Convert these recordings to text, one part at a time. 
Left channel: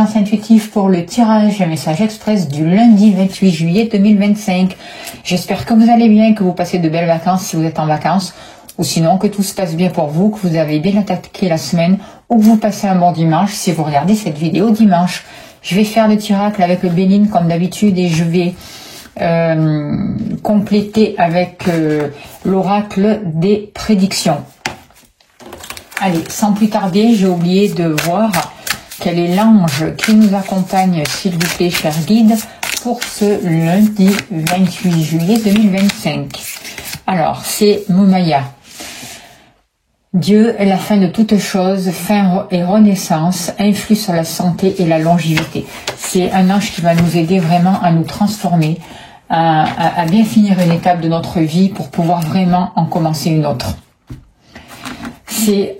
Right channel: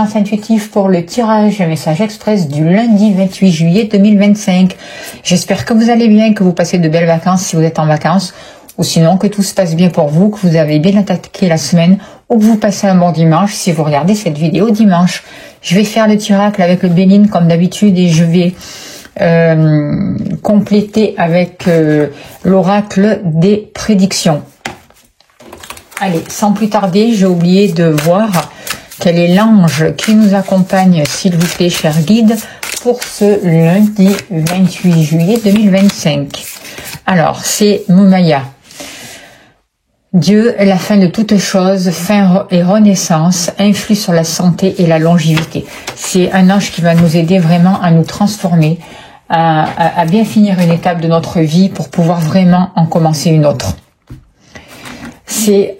guidance intuitive pour le tirage message express du lundi 28 juillet 2025. J'espère que vous allez bien, que vous passez de belles vacances si vous êtes en vacances, ou sinon que tout se passe bien pour vous, que vous avez bien attaqué la semaine, ou que vous passez un bon dimanche si vous regardez cette vidéo dimanche. Je vais faire le tirage avec le Béline comme d'habitude et je vais compléter avec l'oracle des prédictions. Allez, sans plus tarder, j'ai oublié de voir quel est l'ange qui nous accompagne, s'il vous plaît, cher guide, pour ce lundi 28 juillet 2025. Alors, c'est Moumaya. Dieu est la fin de toute chose, fin et renaissance, influe sur la santé et la longévité. C'est un ange qui va nous aider vraiment à nous transformer, à bien finir une étape de notre vie pour pouvoir vraiment en commencer une autre. C'est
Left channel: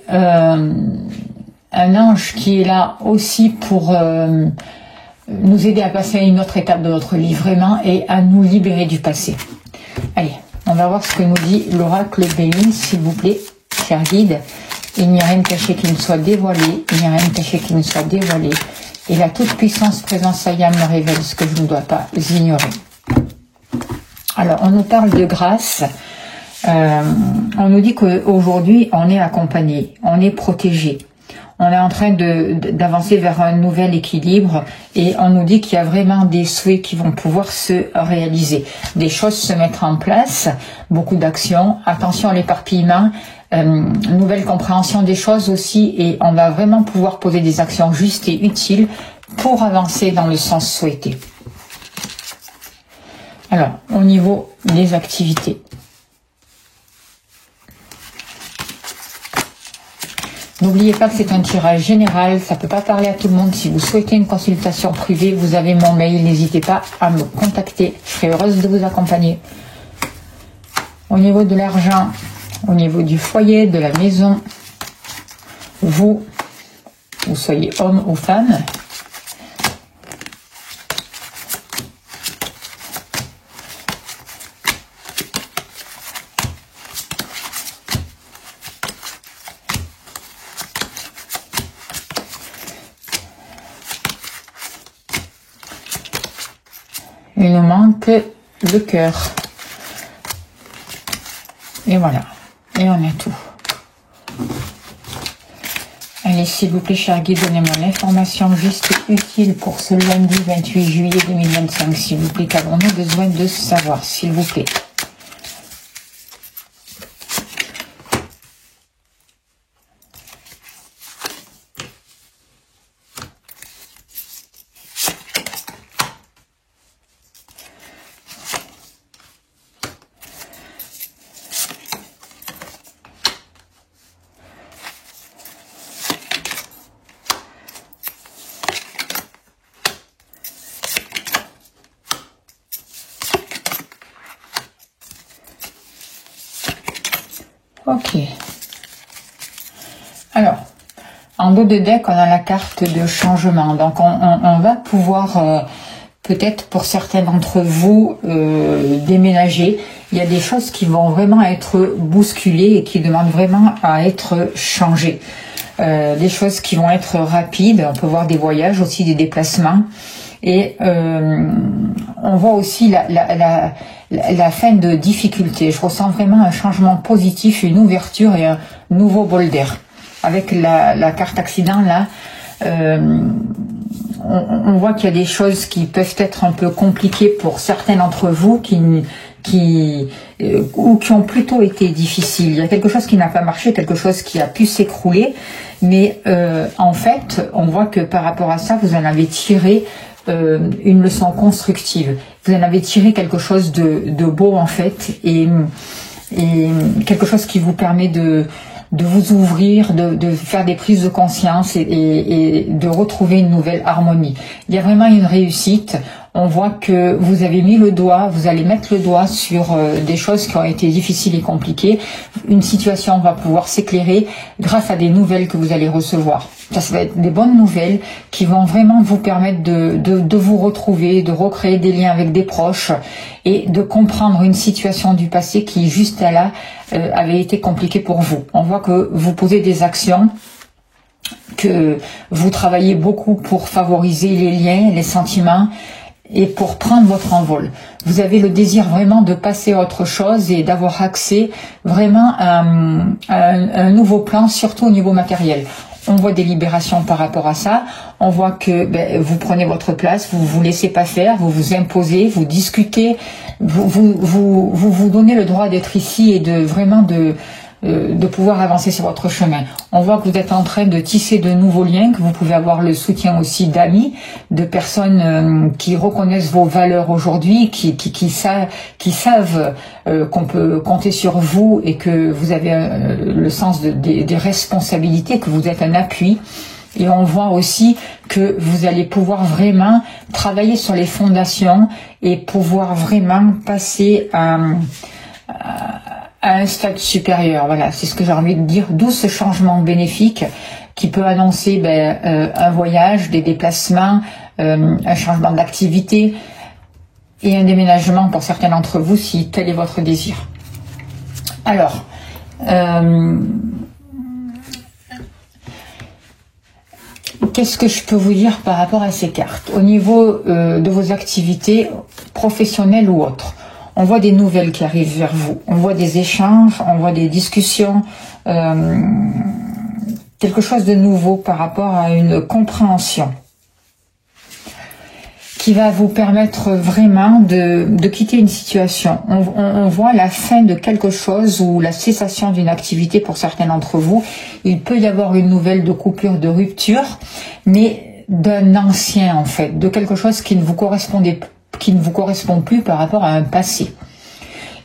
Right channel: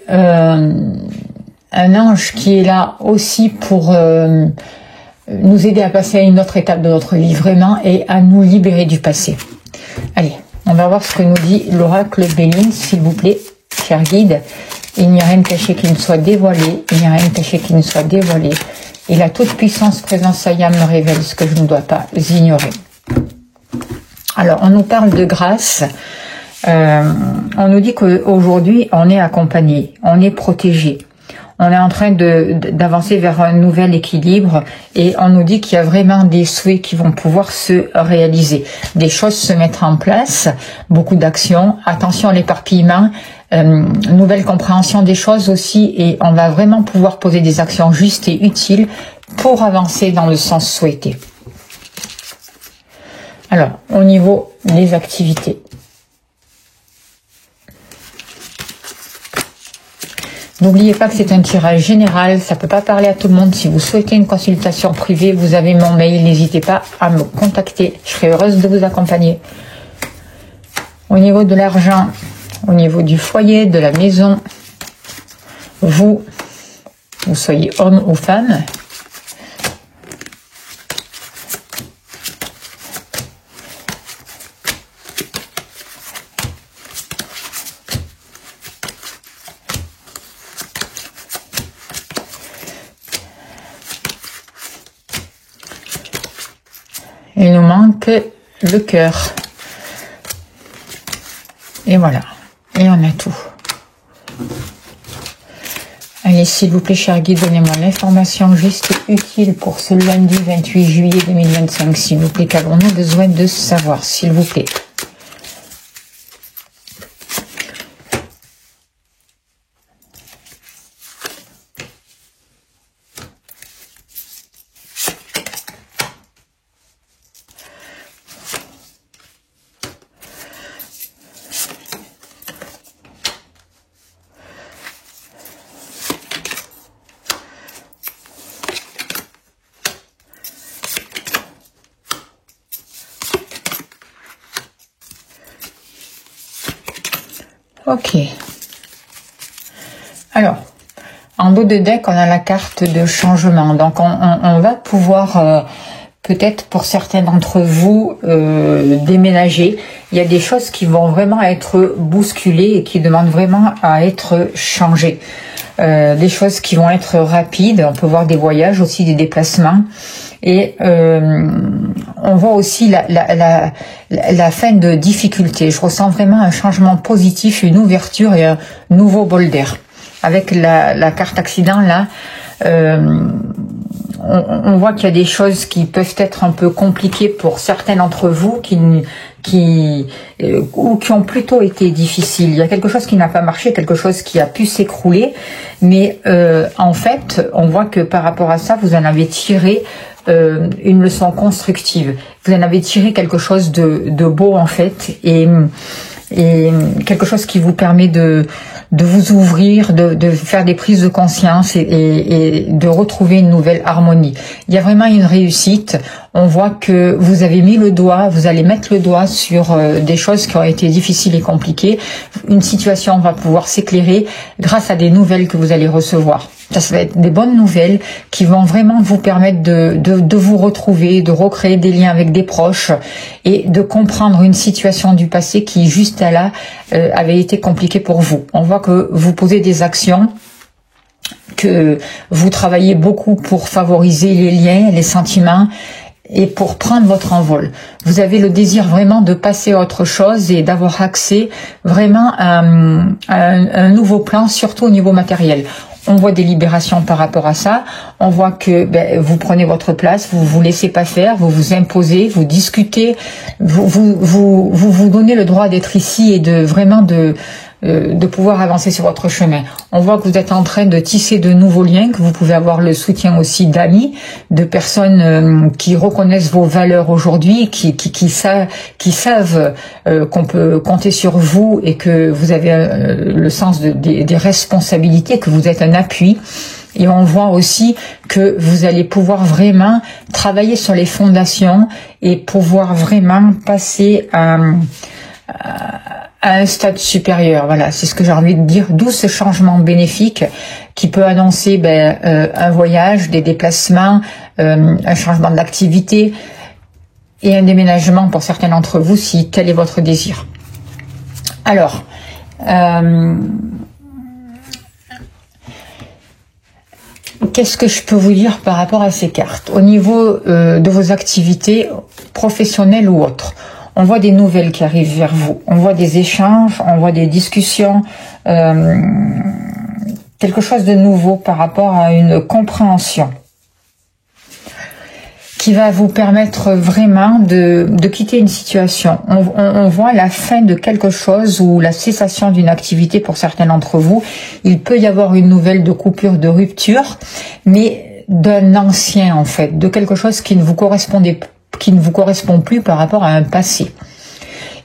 un ange qui est là aussi pour nous aider à passer à une autre étape de notre vie vraiment et à nous libérer du passé. Allez, on va voir ce que nous dit l'oracle Béline, s'il vous plaît, cher guide. Il n'y a rien de caché qui ne soit dévoilé, il n'y a rien de caché qui ne soit dévoilé. Et la toute puissance présence Saya me révèle ce que je ne dois pas ignorer. Alors, on nous parle de grâce. On nous dit qu'aujourd'hui, on est accompagné, on est protégé. On est en train d'avancer vers un nouvel équilibre et on nous dit qu'il y a vraiment des souhaits qui vont pouvoir se réaliser. Des choses se mettre en place, beaucoup d'actions. Attention à l'éparpillement, nouvelle compréhension des choses aussi et on va vraiment pouvoir poser des actions justes et utiles pour avancer dans le sens souhaité. Alors, au niveau des activités. N'oubliez pas que c'est un tirage général, ça ne peut pas parler à tout le monde. Si vous souhaitez une consultation privée, vous avez mon mail, n'hésitez pas à me contacter. Je serai heureuse de vous accompagner. Au niveau de l'argent, au niveau du foyer, de la maison, vous soyez homme ou femme, il nous manque le cœur. Et voilà. Et on a tout. Allez, s'il vous plaît, cher guide, donnez-moi l'information juste et utile pour ce lundi 28 juillet 2025. S'il vous plaît, qu'avons-nous besoin de savoir, s'il vous plaît. Ok. Alors, en haut de deck, on a la carte de changement. Donc, on va pouvoir, peut-être pour certains d'entre vous, déménager. Il y a des choses qui vont vraiment être bousculées et qui demandent vraiment à être changées. Des choses qui vont être rapides. On peut voir des voyages, aussi des déplacements. Et on voit aussi la fin de difficultés. Je ressens vraiment un changement positif, une ouverture et un nouveau bol d'air. Avec la carte accident là, on voit qu'il y a des choses qui peuvent être un peu compliquées pour certains d'entre vous qui ont plutôt été difficiles. Il y a quelque chose qui n'a pas marché, quelque chose qui a pu s'écrouler, mais en fait, on voit que par rapport à ça, vous en avez tiré une leçon constructive. Vous en avez tiré quelque chose de beau en fait, et quelque chose qui vous permet de vous ouvrir, de faire des prises de conscience et de retrouver une nouvelle harmonie. Il y a vraiment une réussite. On voit que vous avez mis le doigt, vous allez mettre le doigt sur des choses qui ont été difficiles et compliquées. Une situation va pouvoir s'éclairer grâce à des nouvelles que vous allez recevoir. Ça va être des bonnes nouvelles qui vont vraiment vous permettre de vous retrouver, de recréer des liens avec des proches et de comprendre une situation du passé qui, juste là, avait été compliquée pour vous. On voit que vous posez des actions que vous travaillez beaucoup pour favoriser les liens, les sentiments et pour prendre votre envol. Vous avez le désir vraiment de passer à autre chose et d'avoir accès vraiment à un nouveau plan, surtout au niveau matériel. On voit des libérations par rapport à ça. On voit que vous prenez votre place, vous vous laissez pas faire, vous vous imposez, vous discutez, vous donnez le droit d'être ici et de vraiment de pouvoir avancer sur votre chemin. On voit que vous êtes en train de tisser de nouveaux liens, que vous pouvez avoir le soutien aussi d'amis, de personnes qui reconnaissent vos valeurs aujourd'hui, qui savent qu'on peut compter sur vous et que vous avez le sens des responsabilités, que vous êtes un appui. Et on voit aussi que vous allez pouvoir vraiment travailler sur les fondations et pouvoir vraiment passer à un stade supérieur. Voilà, c'est ce que j'ai envie de dire, d'où ce changement bénéfique qui peut annoncer un voyage, des déplacements, un changement d'activité et un déménagement pour certains d'entre vous si tel est votre désir. Alors, qu'est-ce que je peux vous dire par rapport à ces cartes? Au niveau de vos activités professionnelles ou autres, on voit des nouvelles qui arrivent vers vous, on voit des échanges, on voit des discussions, quelque chose de nouveau par rapport à une compréhension qui va vous permettre vraiment de quitter une situation. On voit la fin de quelque chose ou la cessation d'une activité pour certains d'entre vous. Il peut y avoir une nouvelle de coupure, de rupture, mais d'un ancien en fait, de quelque chose qui ne vous correspond plus par rapport à un passé.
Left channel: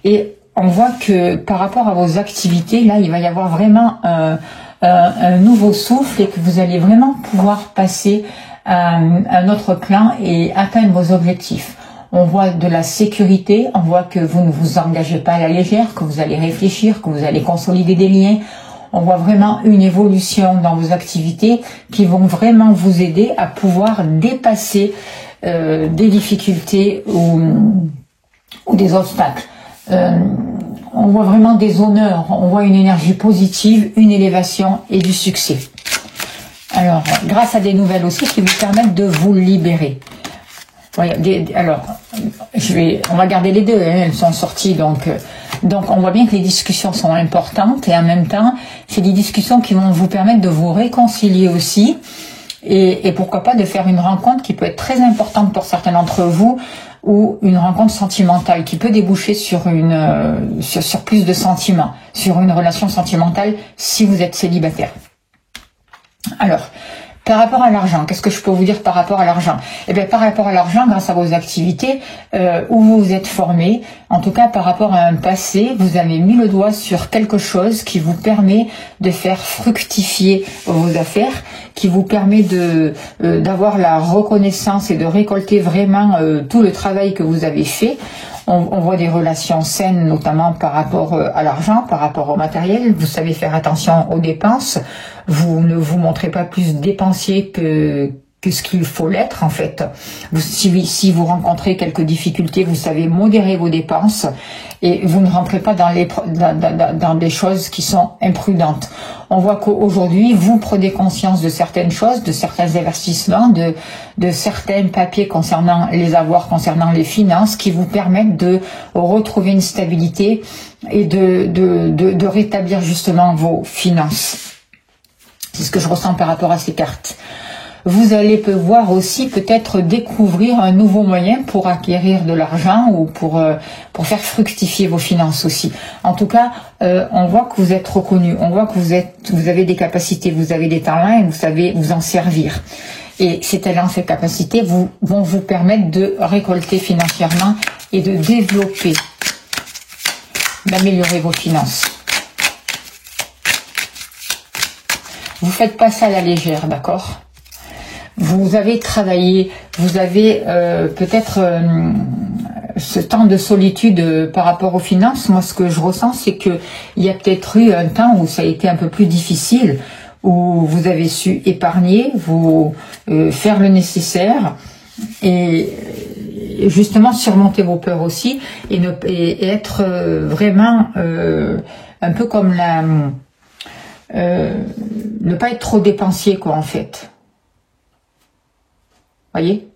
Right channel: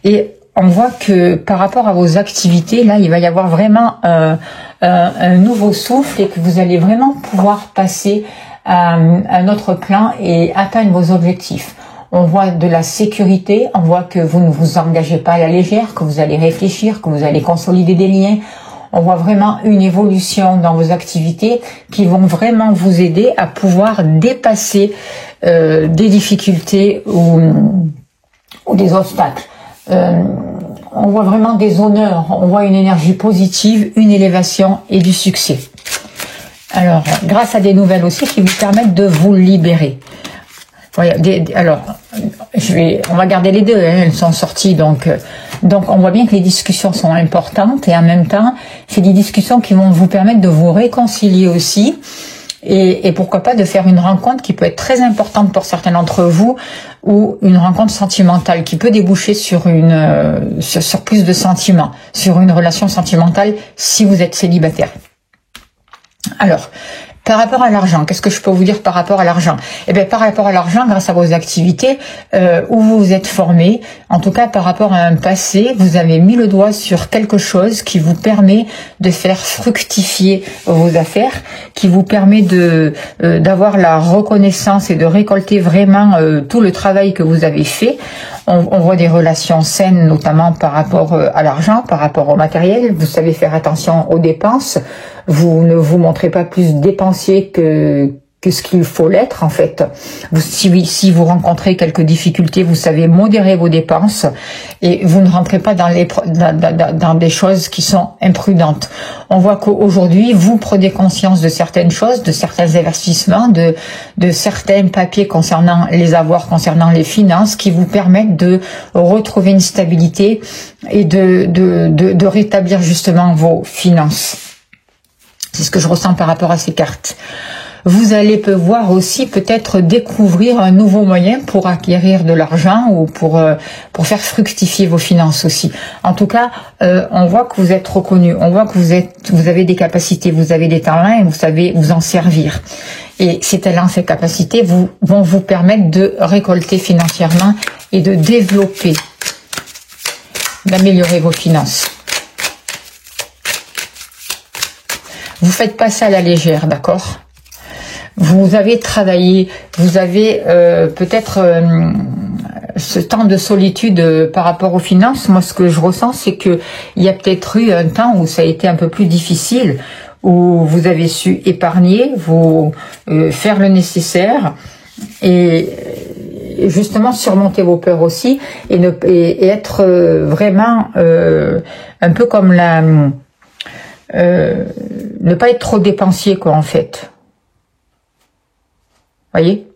Et on voit que par rapport à vos activités, là, il va y avoir vraiment un nouveau souffle et que vous allez vraiment pouvoir passer à un autre plan et atteindre vos objectifs. On voit de la sécurité, on voit que vous ne vous engagez pas à la légère, que vous allez réfléchir, que vous allez consolider des liens. On voit vraiment une évolution dans vos activités qui vont vraiment vous aider à pouvoir dépasser des difficultés ou des obstacles. On voit vraiment des honneurs, on voit une énergie positive, une élévation et du succès. Alors, grâce à des nouvelles aussi qui vous permettent de vous libérer. Alors, on va garder les deux, hein, elles sont sorties, donc on voit bien que les discussions sont importantes et en même temps, c'est des discussions qui vont vous permettre de vous réconcilier aussi et pourquoi pas de faire une rencontre qui peut être très importante pour certains d'entre vous ou une rencontre sentimentale qui peut déboucher sur plus de sentiments, sur une relation sentimentale si vous êtes célibataire. Alors, par rapport à l'argent, qu'est-ce que je peux vous dire par rapport à l'argent? Eh bien, par rapport à l'argent, grâce à vos activités, où vous vous êtes formé, en tout cas par rapport à un passé, vous avez mis le doigt sur quelque chose qui vous permet de faire fructifier vos affaires, qui vous permet d'avoir la reconnaissance et de récolter vraiment tout le travail que vous avez fait. On voit des relations saines, notamment par rapport à l'argent, par rapport au matériel. Vous savez faire attention aux dépenses. Vous ne vous montrez pas plus dépensier que ce qu'il faut l'être, en fait. Si vous rencontrez quelques difficultés, vous savez modérer vos dépenses et vous ne rentrez pas dans des choses qui sont imprudentes. On voit qu'aujourd'hui, vous prenez conscience de certaines choses, de certains investissements, de certains papiers concernant les avoirs, concernant les finances, qui vous permettent de retrouver une stabilité et de rétablir justement vos finances. C'est ce que je ressens par rapport à ces cartes. Vous allez pouvoir aussi peut-être découvrir un nouveau moyen pour acquérir de l'argent ou pour faire fructifier vos finances aussi. En tout cas, on voit que vous êtes reconnu, on voit que vous avez des capacités, vous avez des talents et vous savez vous en servir. Et ces talents, ces capacités vont vous permettre de récolter financièrement et de développer, d'améliorer vos finances. Vous faites pas ça à la légère, d'accord ? Vous avez travaillé, vous avez peut-être ce temps de solitude par rapport aux finances. Moi, ce que je ressens, c'est qu'il y a peut-être eu un temps où ça a été un peu plus difficile, où vous avez su épargner, faire le nécessaire et justement surmonter vos peurs aussi et être vraiment un peu comme ne pas être trop dépensier, quoi, en fait. Voyez?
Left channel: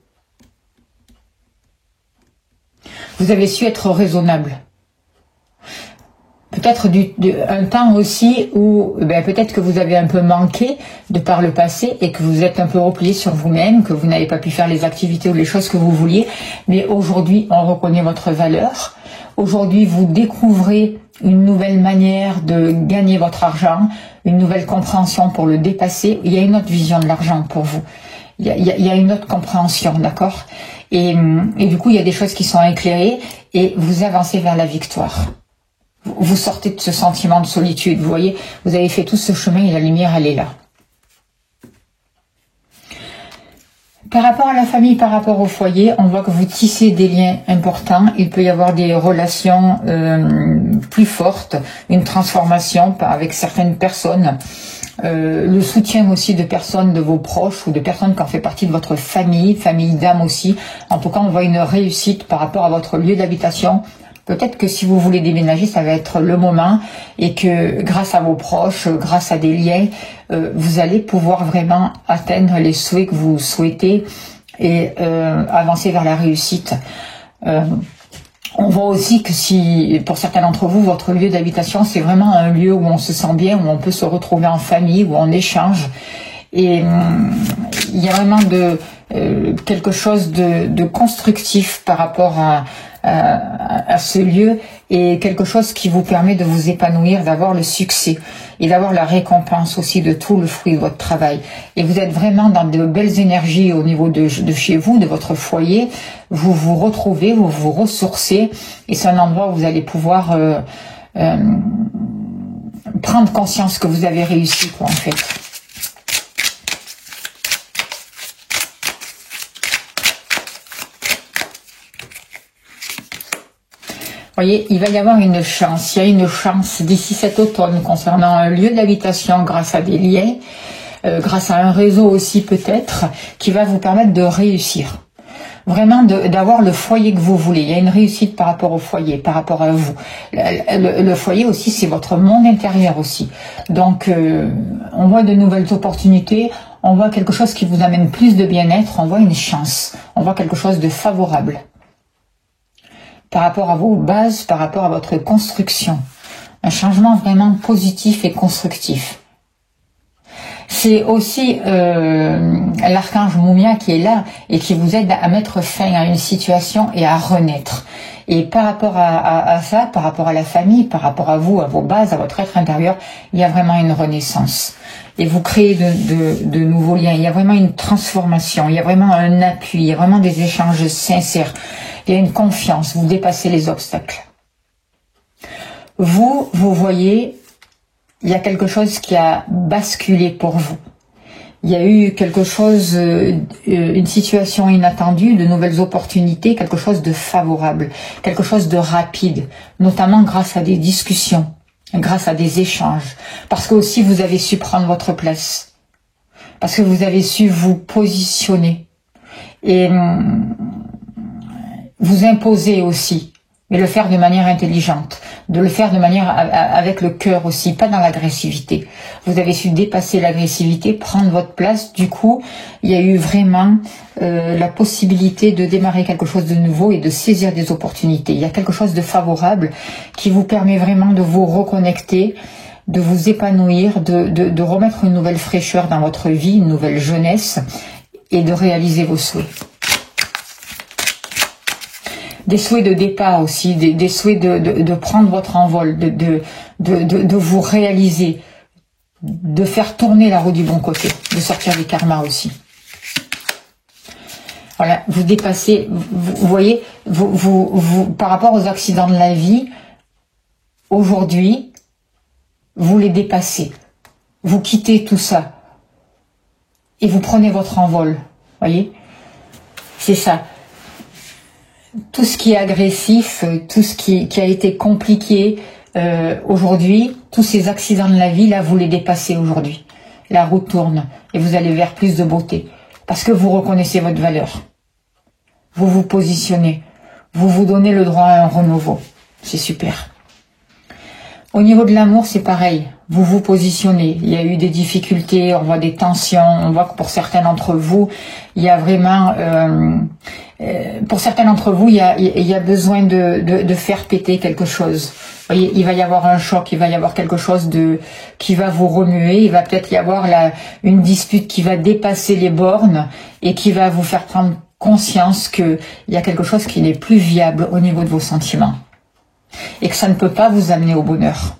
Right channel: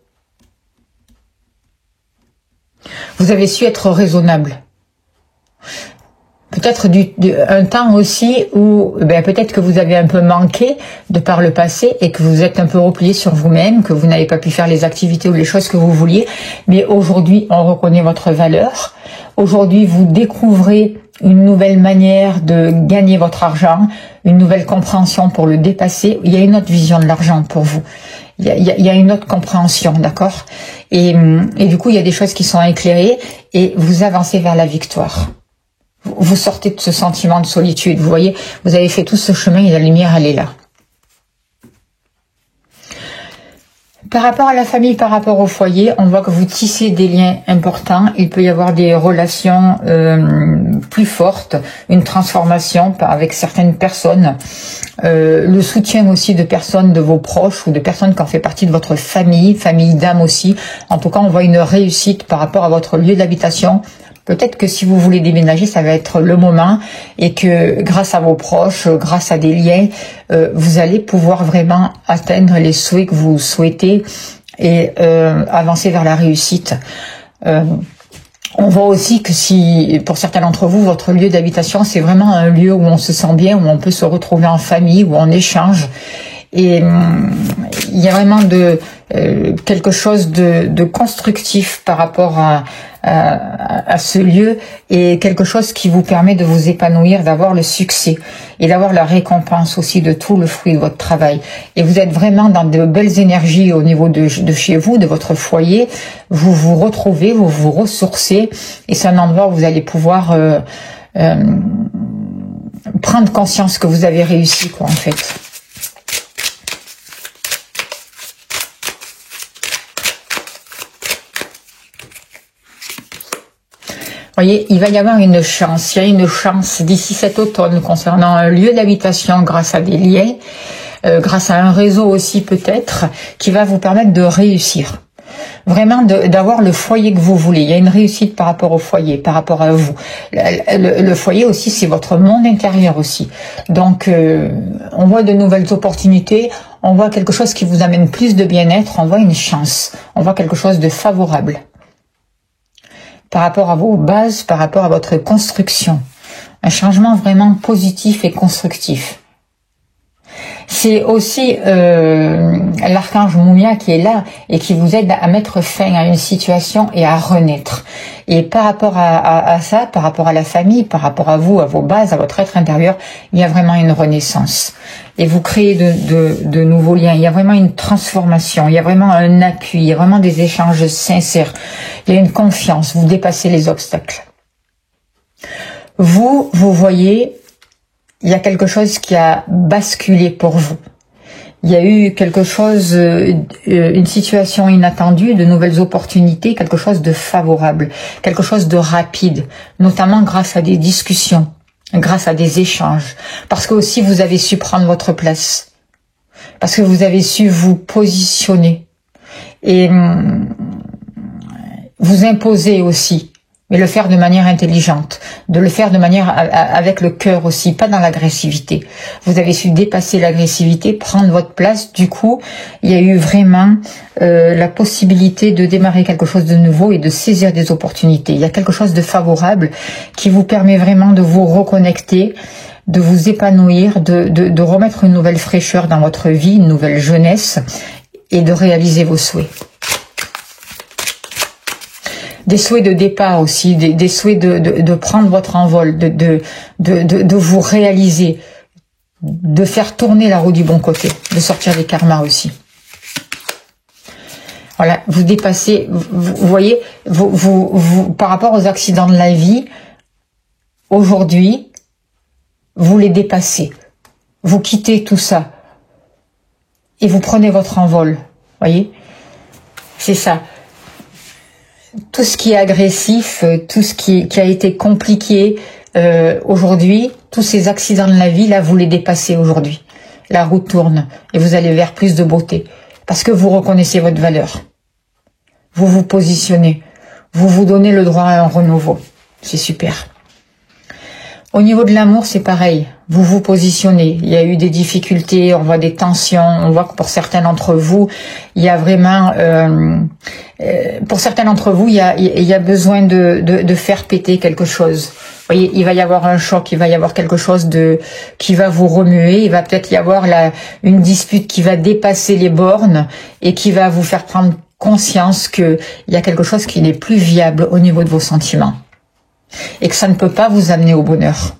Vous avez su être raisonnable. Peut-être un temps aussi où peut-être que vous avez un peu manqué de par le passé et que vous êtes un peu replié sur vous-même, que vous n'avez pas pu faire les activités ou les choses que vous vouliez. Mais aujourd'hui, on reconnaît votre valeur. Aujourd'hui, vous découvrez une nouvelle manière de gagner votre argent, une nouvelle compréhension pour le dépasser. Il y a une autre vision de l'argent pour vous. Il y a une autre compréhension, d'accord? Et du coup, il y a des choses qui sont éclairées et vous avancez vers la victoire. Vous sortez de ce sentiment de solitude. Vous voyez, vous avez fait tout ce chemin et la lumière, elle est là. Par rapport à la famille, par rapport au foyer, on voit que vous tissez des liens importants. Il peut y avoir des relations plus fortes, une transformation avec certaines personnes. Le soutien aussi de personnes de vos proches ou de personnes qui ont fait partie de votre famille, famille d'âme aussi. En tout cas, on voit une réussite par rapport à votre lieu d'habitation. Peut-être que si vous voulez déménager, ça va être le moment et que grâce à vos proches, grâce à des liens, vous allez pouvoir vraiment atteindre les souhaits que vous souhaitez et avancer vers la réussite. On voit aussi que si, pour certains d'entre vous, votre lieu d'habitation, c'est vraiment un lieu où on se sent bien, où on peut se retrouver en famille, où on échange. Et il y a vraiment quelque chose de constructif par rapport à ce lieu et quelque chose qui vous permet de vous épanouir, d'avoir le succès et d'avoir la récompense aussi de tout le fruit de votre travail. Et vous êtes vraiment dans de belles énergies au niveau de chez vous, de votre foyer. Vous vous retrouvez, vous vous ressourcez et c'est un endroit où vous allez pouvoir prendre conscience que vous avez réussi, quoi, en fait. Voyez, il va y avoir une chance, il y a une chance d'ici cet automne concernant un lieu d'habitation grâce à des liens, grâce à un réseau aussi peut-être, qui va vous permettre de réussir. Vraiment d'avoir le foyer que vous voulez. Il y a une réussite par rapport au foyer, par rapport à vous. Le foyer aussi, c'est votre monde intérieur aussi. Donc, on voit de nouvelles opportunités, on voit quelque chose qui vous amène plus de bien-être, on voit une chance, on voit quelque chose de favorable. Par rapport à vos bases, par rapport à votre construction. Un changement vraiment positif et constructif. C'est aussi l'archange Moumia qui est là et qui vous aide à mettre fin à une situation et à renaître. Et par rapport à ça, par rapport à la famille, par rapport à vous, à vos bases, à votre être intérieur, il y a vraiment une renaissance. Et vous créez de nouveaux liens. Il y a vraiment une transformation, il y a vraiment un appui, il y a vraiment des échanges sincères. Il y a une confiance, vous dépassez les obstacles. Vous voyez, il y a quelque chose qui a basculé pour vous. Il y a eu quelque chose, une situation inattendue, de nouvelles opportunités, quelque chose de favorable, quelque chose de rapide, notamment grâce à des discussions, grâce à des échanges, parce que aussi vous avez su prendre votre place, parce que vous avez su vous positionner et vous imposer aussi, mais le faire de manière intelligente, de le faire de manière avec le cœur aussi, pas dans l'agressivité. Vous avez su dépasser l'agressivité, prendre votre place. Du coup, il y a eu vraiment la possibilité de démarrer quelque chose de nouveau et de saisir des opportunités. Il y a quelque chose de favorable qui vous permet vraiment de vous reconnecter, de vous épanouir, de remettre une nouvelle fraîcheur dans votre vie, une nouvelle jeunesse et de réaliser vos souhaits. Des souhaits de départ aussi, des souhaits de prendre votre envol, de vous réaliser, de faire tourner la roue du bon côté, de sortir des karmas aussi. Voilà, vous dépassez, vous voyez, par rapport aux accidents de la vie, aujourd'hui, vous les dépassez, vous quittez tout ça et vous prenez votre envol, voyez, c'est ça. Tout ce qui est agressif, tout ce qui a été compliqué aujourd'hui, tous ces accidents de la vie, là, vous les dépassez aujourd'hui. La roue tourne et vous allez vers plus de beauté. Parce que vous reconnaissez votre valeur. Vous vous positionnez. Vous vous donnez le droit à un renouveau. C'est super. Au niveau de l'amour, c'est pareil. Vous vous positionnez. Il y a eu des difficultés, on voit des tensions. On voit que pour certains d'entre vous, il y a vraiment... pour certains d'entre vous, il y a besoin de faire péter quelque chose. Vous voyez, il va y avoir un choc, il va y avoir quelque chose qui va vous remuer. Il va peut-être y avoir une dispute qui va dépasser les bornes et qui va vous faire prendre conscience qu'il y a quelque chose qui n'est plus viable au niveau de vos sentiments. Et que ça ne peut pas vous amener au bonheur.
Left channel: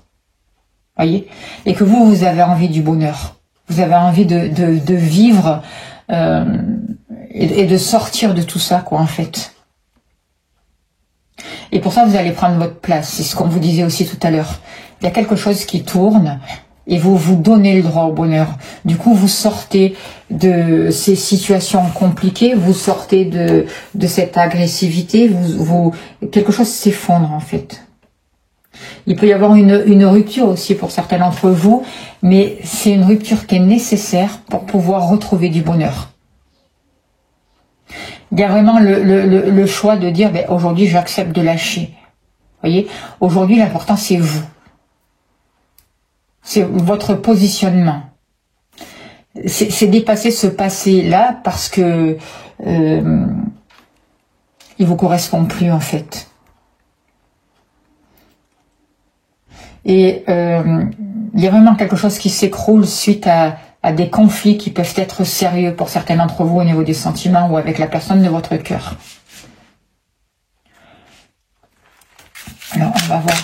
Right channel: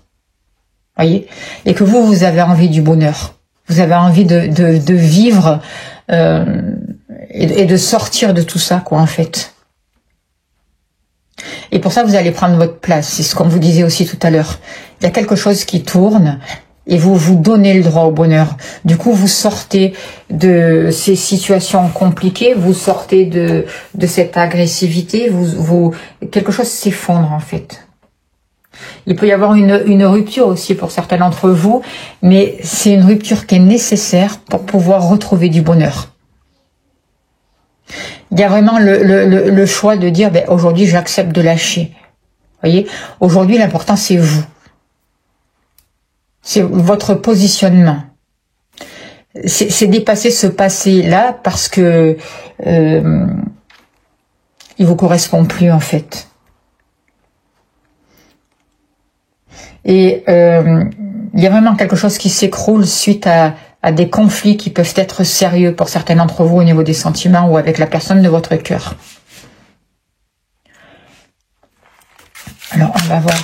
Voyez, et que vous avez envie du bonheur. Vous avez envie de vivre et de sortir de tout ça, quoi, en fait. Et pour ça, vous allez prendre votre place. C'est ce qu'on vous disait aussi tout à l'heure. Il y a quelque chose qui tourne et vous vous donnez le droit au bonheur. Du coup, vous sortez de ces situations compliquées, vous sortez de cette agressivité, quelque chose s'effondre en fait. Il peut y avoir une rupture aussi pour certains d'entre vous, mais c'est une rupture qui est nécessaire pour pouvoir retrouver du bonheur. Il y a vraiment le choix de dire, ben, aujourd'hui j'accepte de lâcher. Voyez, aujourd'hui l'important c'est vous. C'est votre positionnement. C'est dépasser ce passé-là parce que il vous correspond plus en fait. Et il y a vraiment quelque chose qui s'écroule suite à des conflits qui peuvent être sérieux pour certains d'entre vous au niveau des sentiments ou avec la personne de votre cœur. Alors, on va voir.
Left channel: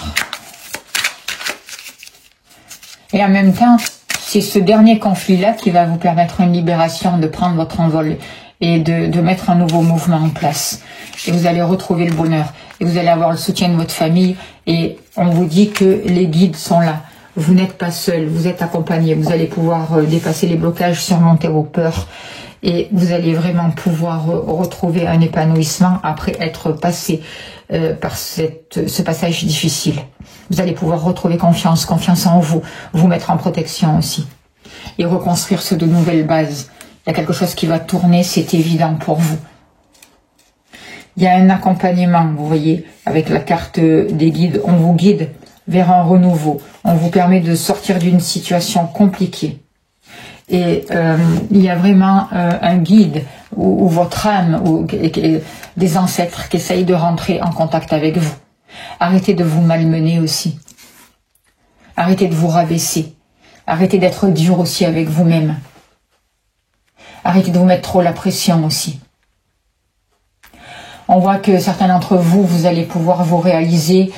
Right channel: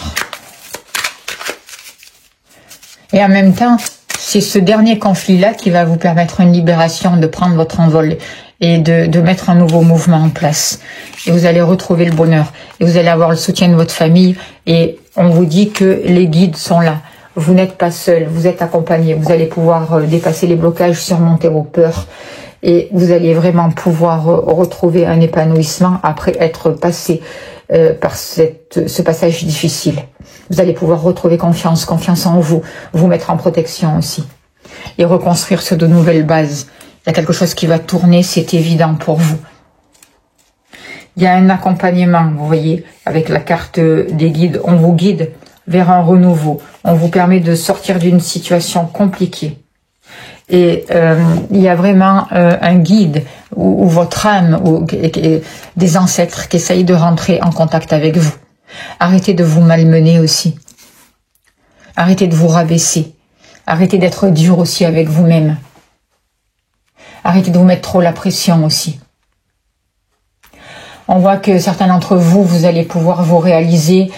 Et en même temps, c'est ce dernier conflit-là qui va vous permettre une libération, de prendre votre envol et de mettre un nouveau mouvement en place. Et vous allez retrouver le bonheur. Et vous allez avoir le soutien de votre famille. Et on vous dit que les guides sont là. Vous n'êtes pas seul, vous êtes accompagné. Vous allez pouvoir dépasser les blocages, surmonter vos peurs. Et vous allez vraiment pouvoir retrouver un épanouissement après être passé par ce passage difficile. Vous allez pouvoir retrouver confiance en vous, vous mettre en protection aussi. Et reconstruire sur de nouvelles bases. Il y a quelque chose qui va tourner, c'est évident pour vous. Il y a un accompagnement, vous voyez, avec la carte des guides. On vous guide vers un renouveau. On vous permet de sortir d'une situation compliquée. Et il y a vraiment un guide ou votre âme ou des ancêtres qui essayent de rentrer en contact avec vous. Arrêtez de vous malmener aussi. Arrêtez de vous rabaisser. Arrêtez d'être dur aussi avec vous-même. Arrêtez de vous mettre trop la pression aussi. On voit que certains d'entre vous, vous allez pouvoir vous réaliser,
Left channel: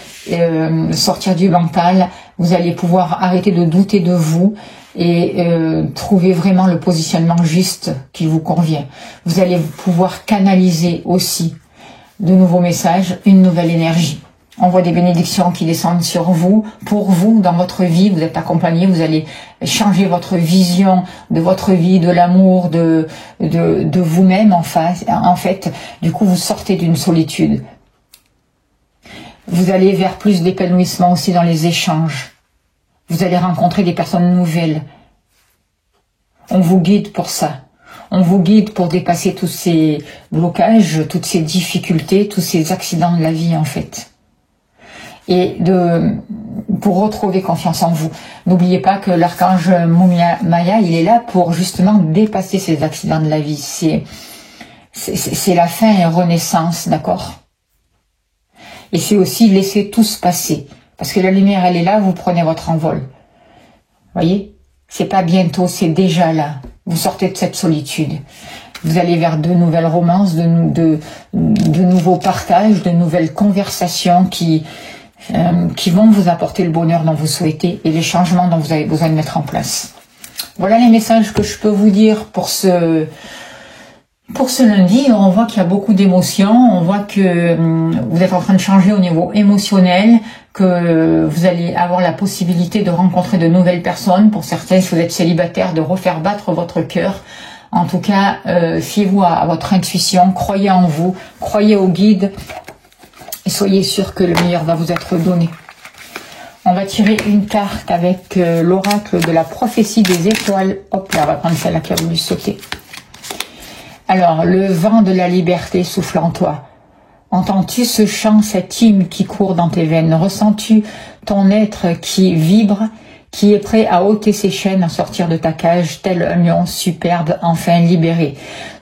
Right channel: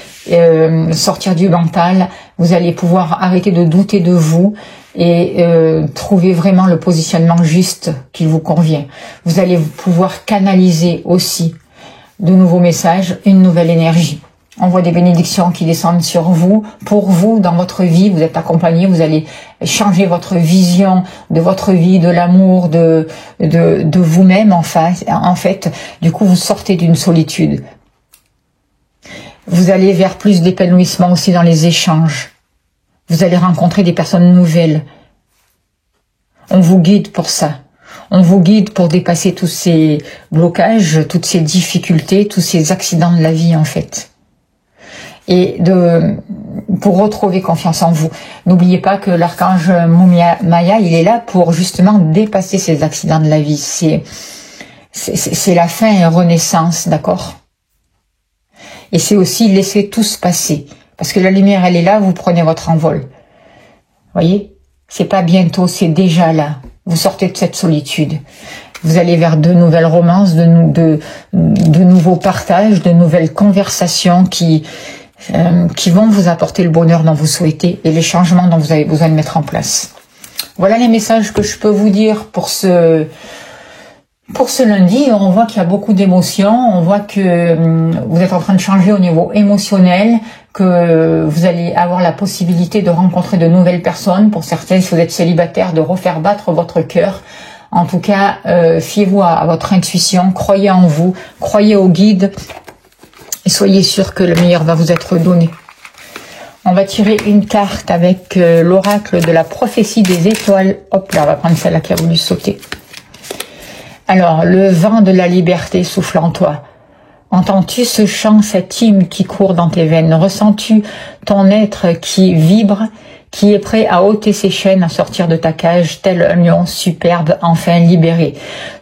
sortir du mental, vous allez pouvoir arrêter de douter de vous et trouver vraiment le positionnement juste qui vous convient. Vous allez pouvoir canaliser aussi de nouveaux messages, une nouvelle énergie. On voit des bénédictions qui descendent sur vous, pour vous, dans votre vie, vous êtes accompagné, vous allez changer votre vision de votre vie, de l'amour, de vous-même en fait. Du coup, vous sortez d'une solitude. Vous allez vers plus d'épanouissement aussi dans les échanges. Vous allez rencontrer des personnes nouvelles. On vous guide pour ça. On vous guide pour dépasser tous ces blocages, toutes ces difficultés, tous ces accidents de la vie en fait. Et pour retrouver confiance en vous. N'oubliez pas que l'archange Maya, il est là pour justement dépasser ces accidents de la vie. C'est la fin et la renaissance, d'accord? Et c'est aussi laisser tout se passer. Parce que la lumière, elle est là, vous prenez votre envol. Voyez? C'est pas bientôt, c'est déjà là. Vous sortez de cette solitude. Vous allez vers de nouvelles romances, de nouveaux partages, de nouvelles conversations qui vont vous apporter le bonheur dont vous souhaitez et les changements dont vous avez besoin de mettre en place. Voilà les messages que je peux vous dire pour ce lundi. On voit qu'il y a beaucoup d'émotions, on voit que vous êtes en train de changer au niveau émotionnel, que vous allez avoir la possibilité de rencontrer de nouvelles personnes. Pour certains, si vous êtes célibataire, de refaire battre votre cœur. En tout cas, fiez-vous à votre intuition, croyez en vous, croyez au guide et soyez sûr que le meilleur va vous être donné. On va tirer une carte avec l'oracle de la prophétie des étoiles. Hop là, on va prendre celle-là qui a voulu sauter. Alors, le vent de la liberté souffle en toi. Entends-tu ce chant, cet hymne qui court dans tes veines? Ressens-tu ton être qui vibre, qui est prêt à ôter ses chaînes, à sortir de ta cage, tel un lion superbe, enfin libéré?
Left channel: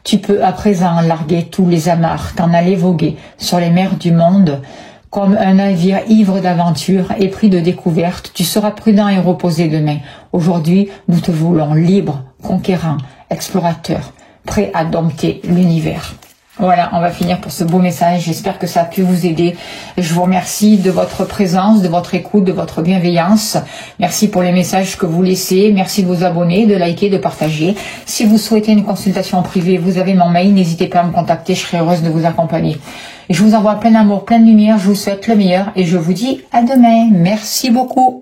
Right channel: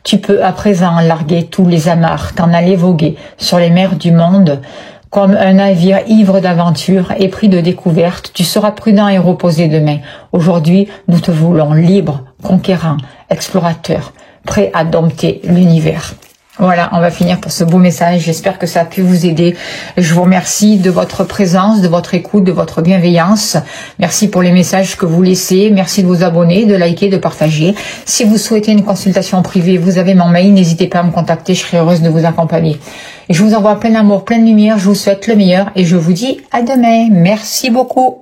Tu peux à présent larguer tous les amarres, t'en aller voguer sur les mers du monde, comme un navire ivre d'aventure, épris de découvertes. Tu seras prudent et reposé demain. Aujourd'hui, nous te voulons libre, conquérant, explorateur, prêt à dompter l'univers. Voilà, on va finir pour ce beau message. J'espère que ça a pu vous aider. Je vous remercie de votre présence, de votre écoute, de votre bienveillance. Merci pour les messages que vous laissez. Merci de vous abonner, de liker, de partager. Si vous souhaitez une consultation privée, vous avez mon mail. N'hésitez pas à me contacter. Je serai heureuse de vous accompagner. Et je vous envoie plein d'amour, plein de lumière. Je vous souhaite le meilleur et je vous dis à demain. Merci beaucoup.